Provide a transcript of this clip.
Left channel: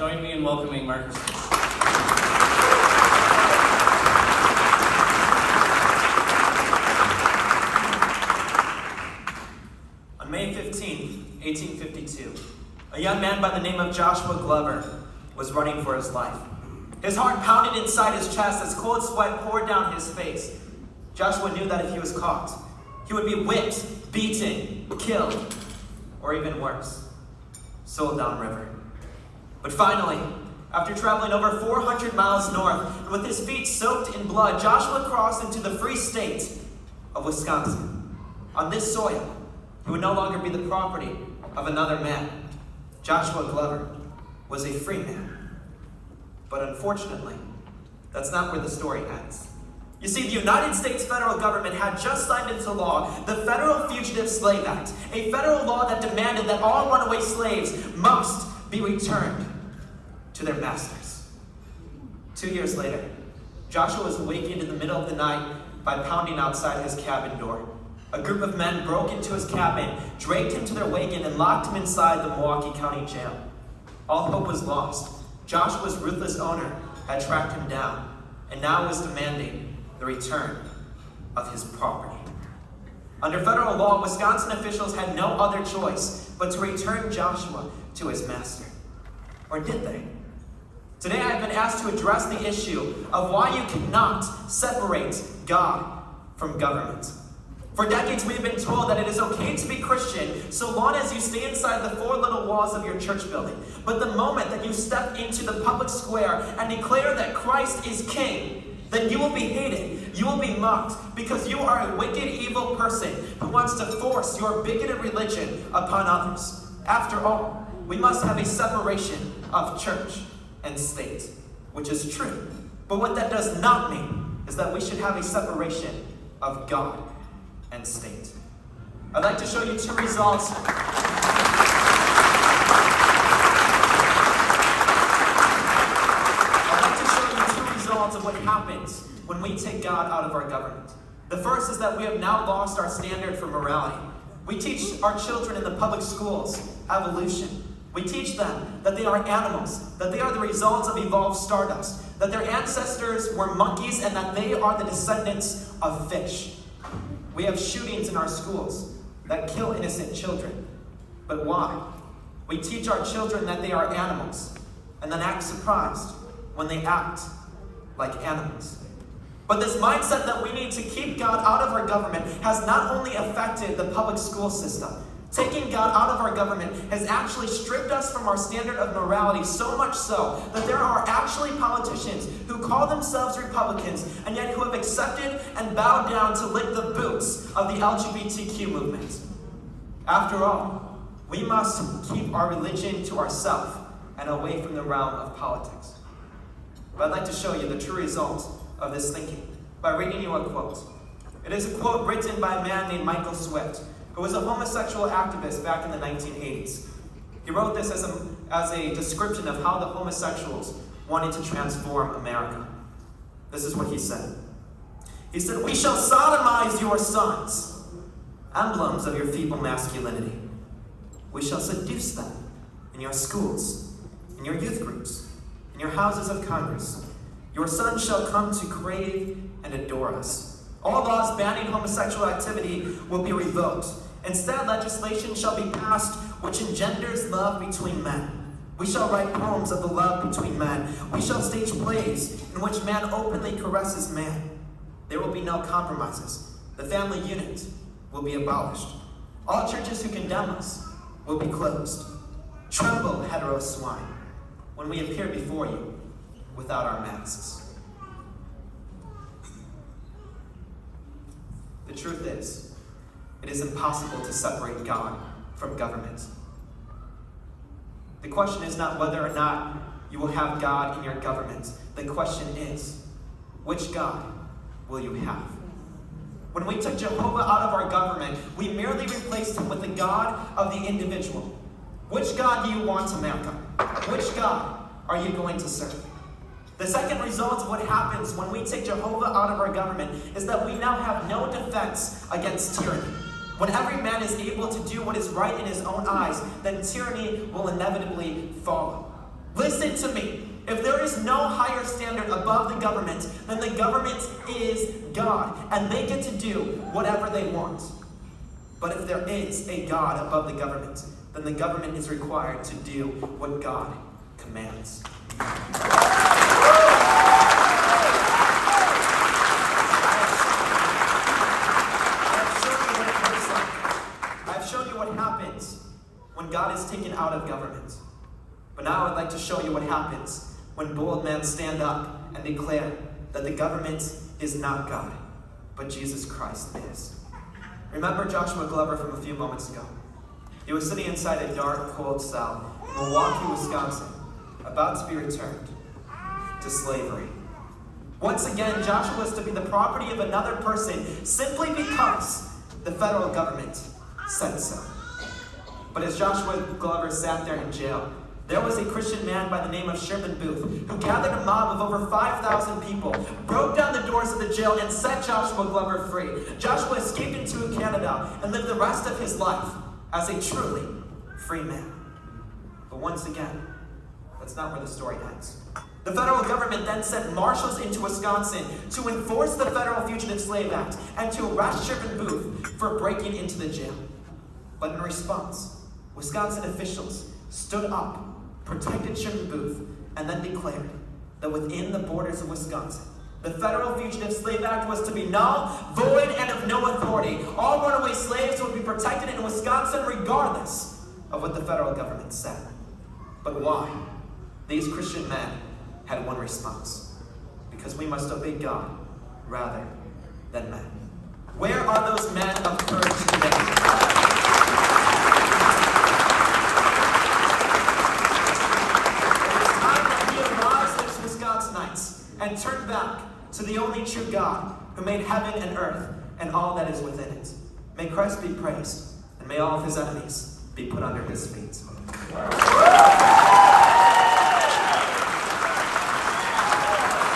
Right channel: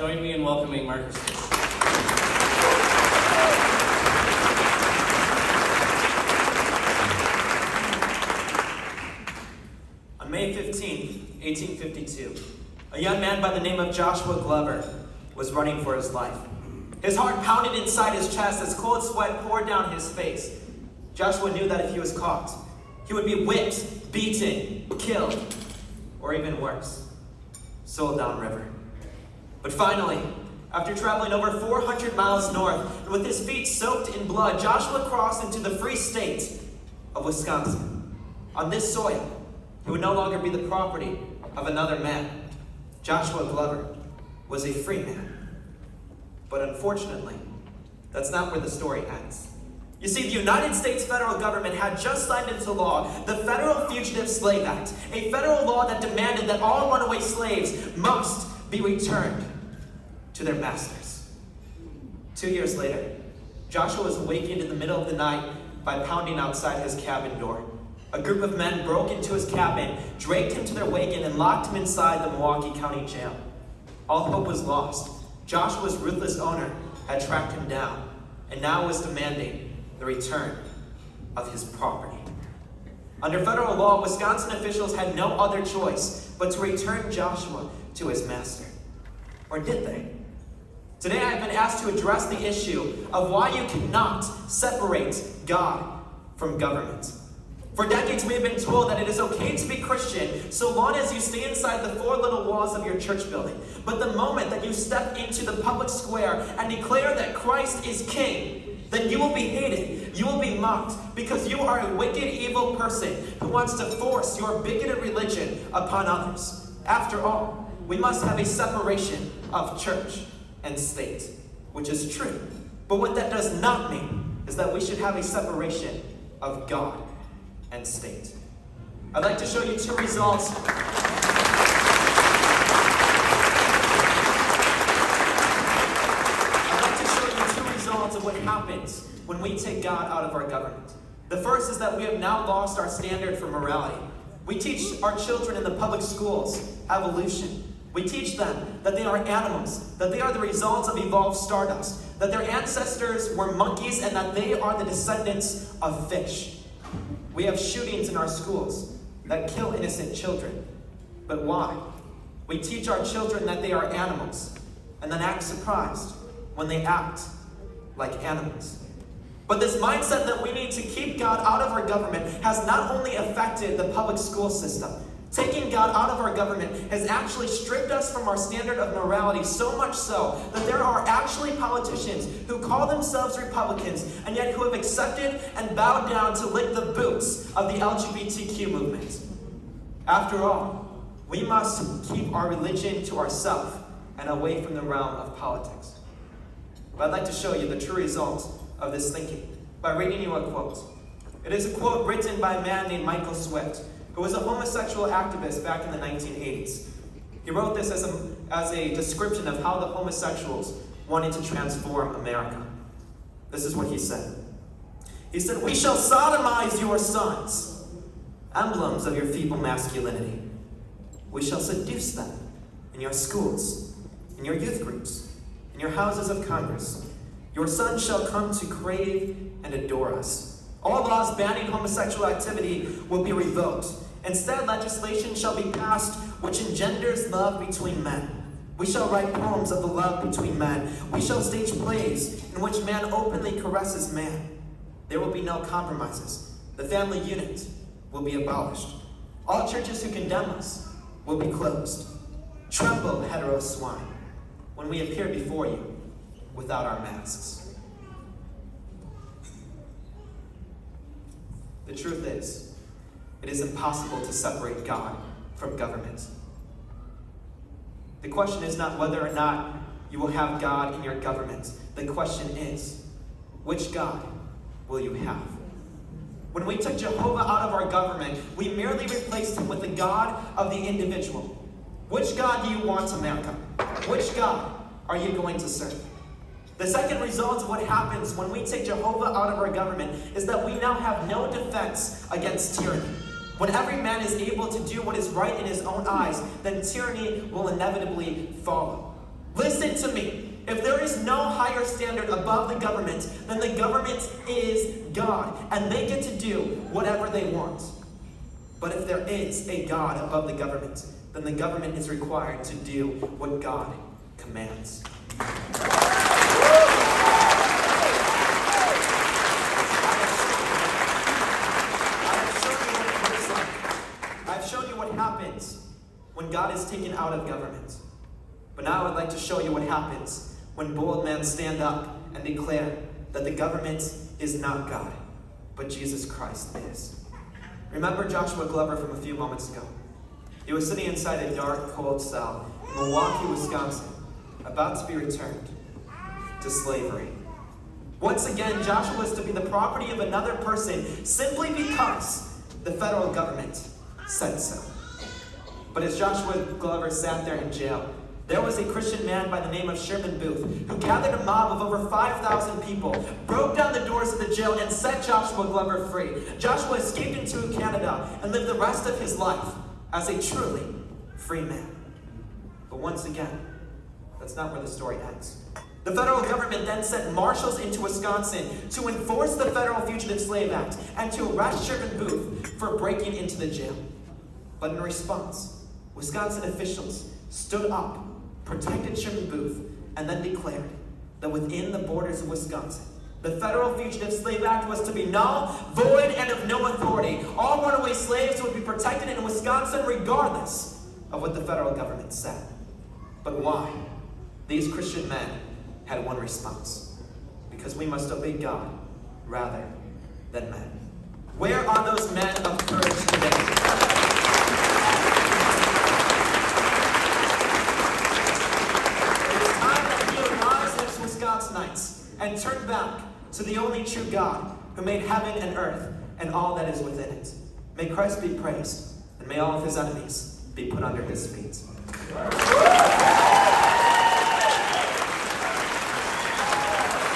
Join me in welcoming Marcus. On May 15, 1852, a young man by the name of Joshua Glover was running for his life. His heart pounded inside his chest as cold sweat poured down his face. Joshua knew that if he was caught, he would be whipped, beaten, killed, or even worse, sold downriver. But finally, after traveling over 400 miles north and with his feet soaked in blood, Joshua crossed into the free state of Wisconsin. On this soil, he would no longer be the property of another man. Joshua Glover was a free man. But unfortunately, that's not where the story ends. You see, the United States federal government had just signed into law the Federal Fugitive Slave Act, a federal law that demanded that all runaway slaves must be returned to their masters. 2 years later, Joshua was awakened in the middle of the night by pounding outside his cabin door. A group of men broke into his cabin, dragged him to their wagon, and locked him inside the Milwaukee County Jail. All hope was lost. Joshua's ruthless owner had tracked him down and now was demanding the return of his property. Under federal law, Wisconsin officials had no other choice but to return Joshua to his master. Or did they? Today I have been asked to address the issue of why you cannot separate God from government. For decades we have been told that it is okay to be Christian so long as you stay inside the four little walls of your church building. But the moment that you step into the public square and declare that Christ is King, then you will be hated, you will be mocked, because you are a wicked, evil person who wants to force your bigoted religion upon others. After all, we must have a separation of church and state, which is true. But what that does not mean is that we should have a separation of God and state. I'd like to show you two results. I'd like to show you two results of what happens when we take God out of our government. The first is that we have now lost our standard for morality. We teach our children in the public schools evolution. We teach them that they are animals, that they are the results of evolved stardust, that their ancestors were monkeys, and that they are the descendants of fish. We have shootings in our schools that kill innocent children. But why? We teach our children that they are animals and then act surprised when they act like animals. But this mindset that we need to keep God out of our government has not only affected the public school system. Taking God out of our government has actually stripped us from our standard of morality, so much so that there are actually politicians who call themselves Republicans and yet who have accepted and bowed down to lick the boots of the LGBTQ movement. After all, we must keep our religion to ourselves and away from the realm of politics. But I'd like to show you the true result of this thinking by reading you a quote. It is a quote written by a man named Michael Swift, who was a homosexual activist back in the 1980s. He wrote this as a description of how the homosexuals wanted to transform America. This is what he said. He said, "We shall sodomize your sons, emblems of your feeble masculinity. We shall seduce them in your schools, in your youth groups, in your houses of Congress. Your sons shall come to crave and adore us. All laws banning homosexual activity will be revoked. Instead, legislation shall be passed which engenders love between men. We shall write poems of the love between men. We shall stage plays in which man openly caresses man. There will be no compromises. The family unit will be abolished. All churches who condemn us will be closed. Tremble, hetero swine, when we appear before you without our masks." The truth is, it is impossible to separate God from government. The question is not whether or not you will have God in your government. The question is, which God will you have? When we took Jehovah out of our government, we merely replaced him with the God of the individual. Which God do you want, America? Which God are you going to serve? The second result of what happens when we take Jehovah out of our government is that we now have no defense against tyranny. When every man is able to do what is right in his own eyes, then tyranny will inevitably follow. Listen to me. If there is no higher standard above the government, then the government is God, and they get to do whatever they want. But if there is a God above the government, then the government is required to do what God commands. I've shown you what happens when God is taken out of government. But now I'd like to show you what happens when bold men stand up and declare that the government is not God, but Jesus Christ is. Remember Joshua Glover from a few moments ago. He was sitting inside a dark, cold cell in Milwaukee, Wisconsin, about to be returned to slavery. Once again, Joshua was to be the property of another person simply because the federal government said so. But as Joshua Glover sat there in jail, there was a Christian man by the name of Sherman Booth who gathered a mob of over 5,000 people, broke down the doors of the jail, and set Joshua Glover free. Joshua escaped into Canada and lived the rest of his life as a truly free man. But once again, that's not where the story ends. The federal government then sent marshals into Wisconsin to enforce the Federal Fugitive Slave Act and to arrest Sherman Booth for breaking into the jail. But in response, Wisconsin officials stood up, protected Sherman Booth, and then declared that within the borders of Wisconsin, the Federal Fugitive Slave Act was to be null, void, and of no authority. All runaway slaves would be protected in Wisconsin regardless of what the federal government said. But why? These Christian men had one response: because we must obey God rather than men. Where are those men of courage today? And turn back to the only true God who made heaven and earth and all that is within it. May Christ be praised, and may all of his enemies be put under his feet.